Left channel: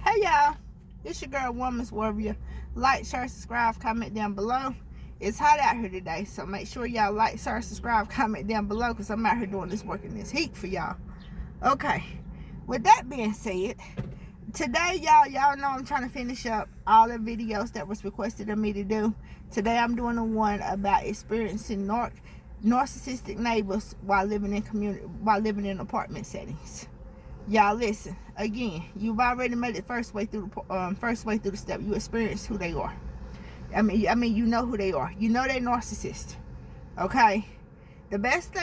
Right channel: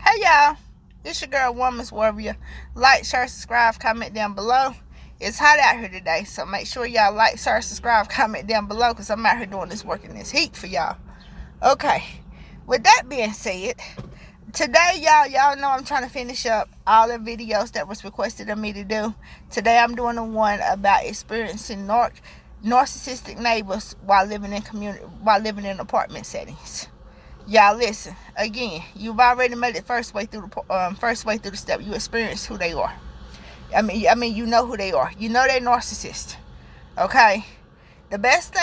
Hey y'all, it's your girl Woman's Warrior. Like, share, subscribe, comment down below. It's hot out here today, so make sure y'all like, share, subscribe, comment down below, because I'm out here doing this work in this heat for y'all. Okay, with that being said, today y'all know I'm trying to finish up all the videos that was requested of me to do. Today I'm doing the one about experiencing narcissistic neighbors while living in apartment settings. Y'all listen again. You've already made it first way through the step. You experience who they are. I mean, you know who they are. You know they're narcissists. Okay. The best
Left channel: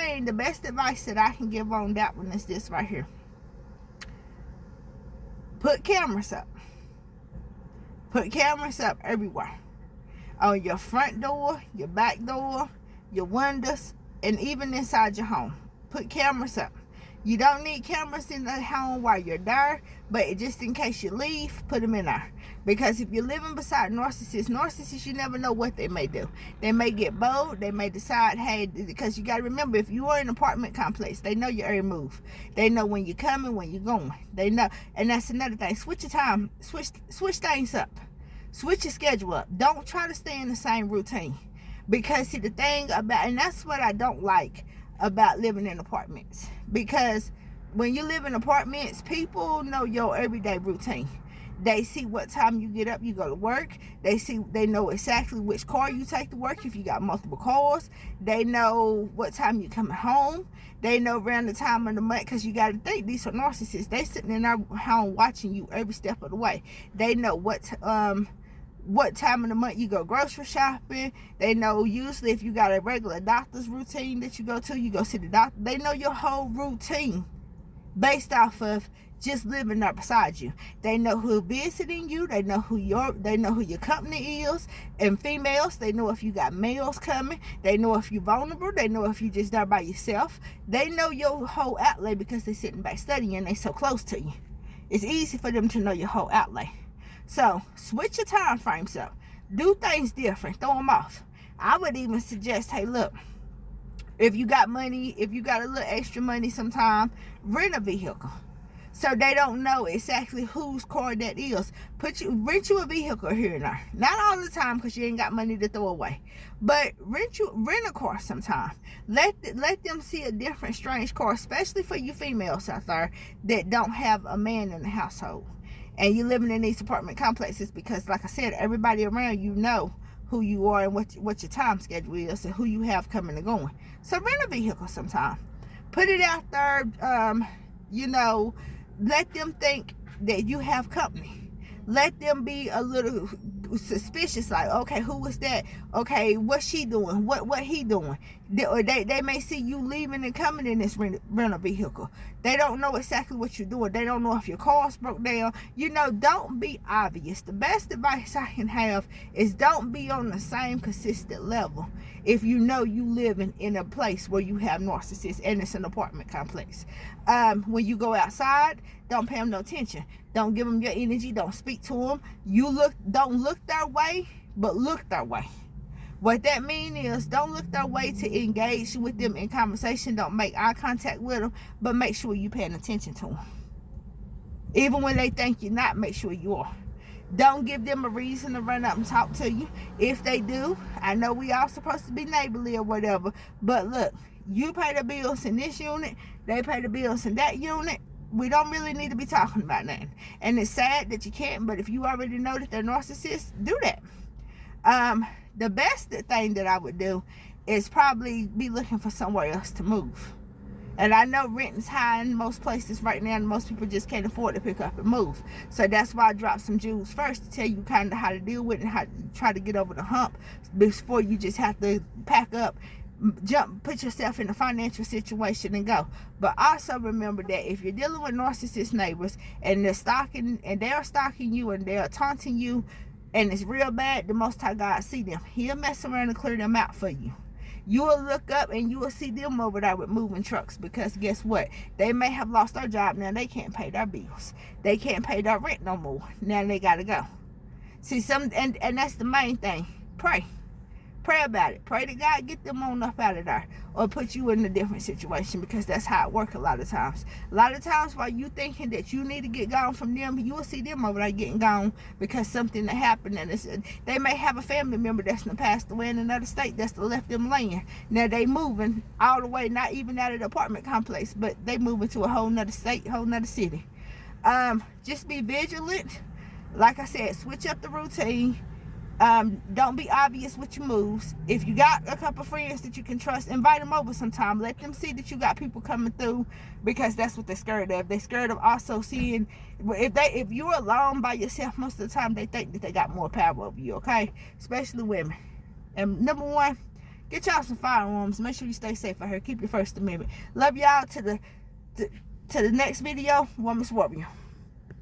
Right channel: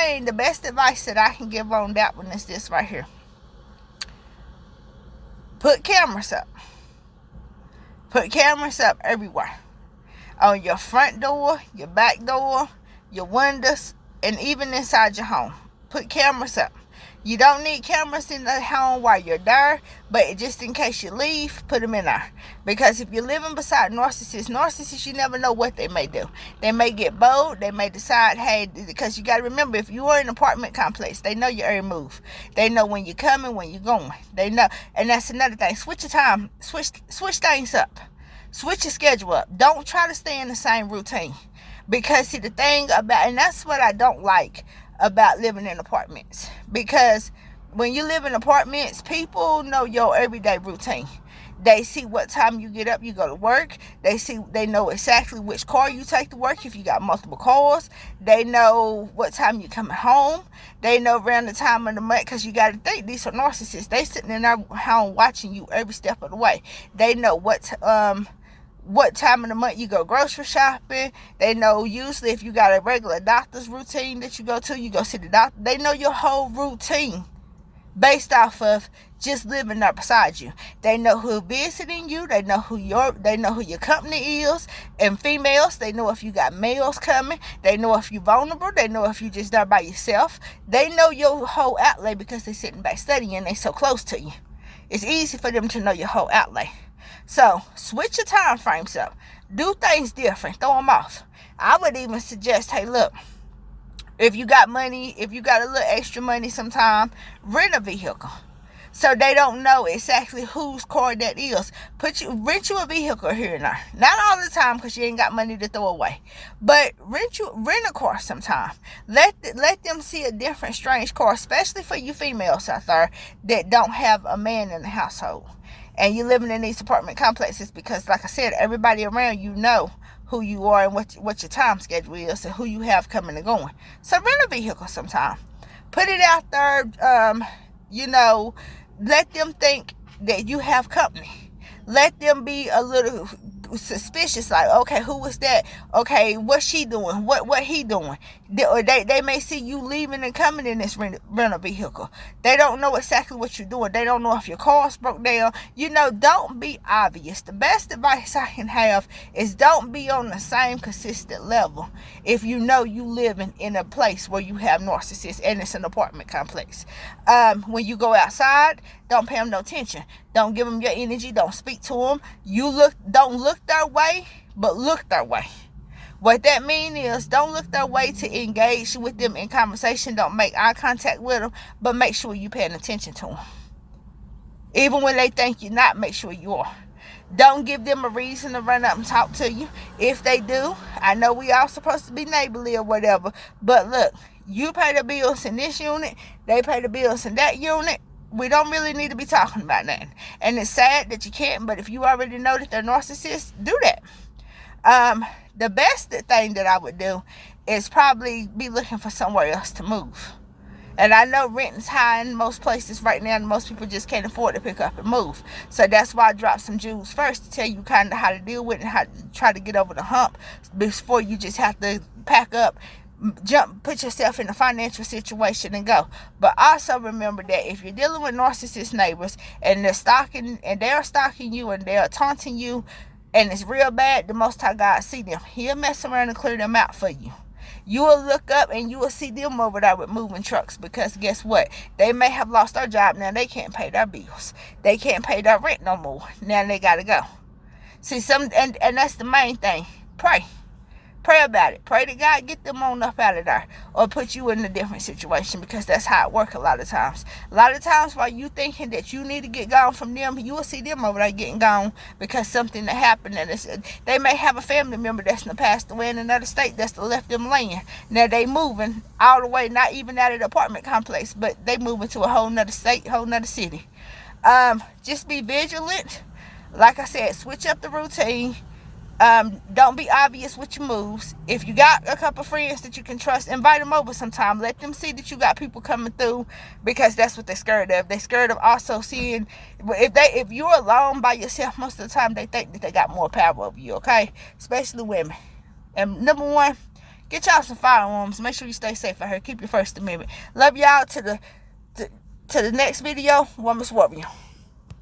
advice that I can give on that one is this right here. Put cameras up. Put cameras up everywhere. On your front door, your back door, your windows, and even inside your home. Put cameras up. You don't need cameras in the home while you're there, but just in case you leave, put them in there. Because if you're living beside narcissists, you never know what they may do. They may get bold. They may decide, hey, because you got to remember, if you are in an apartment complex, they know your every move. They know when you're coming, when you're going. They know, and that's another thing. Switch your time. Switch things up. Switch your schedule up. Don't try to stay in the same routine. Because see, the thing about, and that's what I don't like about living in apartments, because when you live in apartments, people know your everyday routine. They see what time you get up, you go to work. They know exactly which car you take to work if you got multiple cars. They know what time you coming home. They know around the time of the month, because you got to think, these are narcissists. They sitting in their home watching you every step of the way. They know what time of the month you go grocery shopping. They know usually if you got a regular doctor's routine that you go see the doctor. They know your whole routine based off of just living there beside you. They know who visiting you. They know who your company is. And females, they know if you got males coming. They know if you're vulnerable. They know if you just there by yourself. They know your whole outlay because they're sitting back studying. They so close to you. It's easy for them to know your whole outlay. So, switch your time frames up. Do things different. Throw them off. I would even suggest, hey, look, if you got money, if you got a little extra money sometime, rent a vehicle. So they don't know exactly whose car that is. Rent you a vehicle here and there. Not all the time, because you ain't got money to throw away. But rent a car sometime. Let them see a different strange car, especially for you females out there that don't have a man in the household. And you're living in these apartment complexes, because, like I said, everybody around you know who you are and what your time schedule is and who you have coming and going. So rent a vehicle sometime. Put it out there, let them think that you have company. Let them be a little suspicious, like, okay, who was that? Okay, what's she doing? What he doing? They may see you leaving and coming in this rental vehicle. They don't know exactly what you're doing. They don't know if your car's broke down. Don't be obvious. The best advice I can have is don't be on the same consistent level if you know you living in a place where you have narcissists and it's an apartment complex. When you go outside, don't pay them no attention. Don't give them your energy. Don't speak to them. Don't look their way, but look their way. What that means is, don't look their way to engage with them in conversation. Don't make eye contact with them, but make sure you're paying attention to them. Even when they think you're not, make sure you are. Don't give them a reason to run up and talk to you. If they do, I know we all supposed to be neighborly or whatever, but look, you pay the bills in this unit, they pay the bills in that unit. We don't really need to be talking about that. And it's sad that you can't, but if you already know that they're narcissists, do that. The best thing that I would do is probably be looking for somewhere else to move. And I know rent is high in most places right now, and most people just can't afford to pick up and move. So that's why I dropped some jewels first, to tell you kind of how to deal with it and how to try to get over the hump before you just have to pack up, put yourself in a financial situation and go. But also remember that if you're dealing with narcissist neighbors and they're stalking you and they're taunting you, and it's real bad, the Most High God see them. He'll mess around and clear them out for you. You will look up and you will see them over there with moving trucks, because guess what? They may have lost their job. Now they can't pay their bills. They can't pay their rent no more. Now they got to go. See, and that's the main thing. Pray. Pray about it. Pray to God get them on up out of there, or put you in a different situation, because that's how it works a lot of times. A lot of times while you thinking that you need to get gone from them, you will see them over there getting gone because something that happened, and they may have a family member that's passed away in another state that's left them laying. Now they moving all the way, not even out of the apartment complex, but they moving to a whole nother state, whole nother city. Just be vigilant. Like I said, switch up the routine. Don't be obvious with your moves. If you got a couple friends that you can trust, invite them over sometime. Let them see that you got people coming through, because that's what they're scared of. They're scared of also seeing, if you're alone by yourself most of the time, they think that they got more power over you, okay? Especially women. And number one, get y'all some firearms. Make sure you stay safe out here. Keep your First Amendment. Love y'all. To the next video. Woman's Warrior.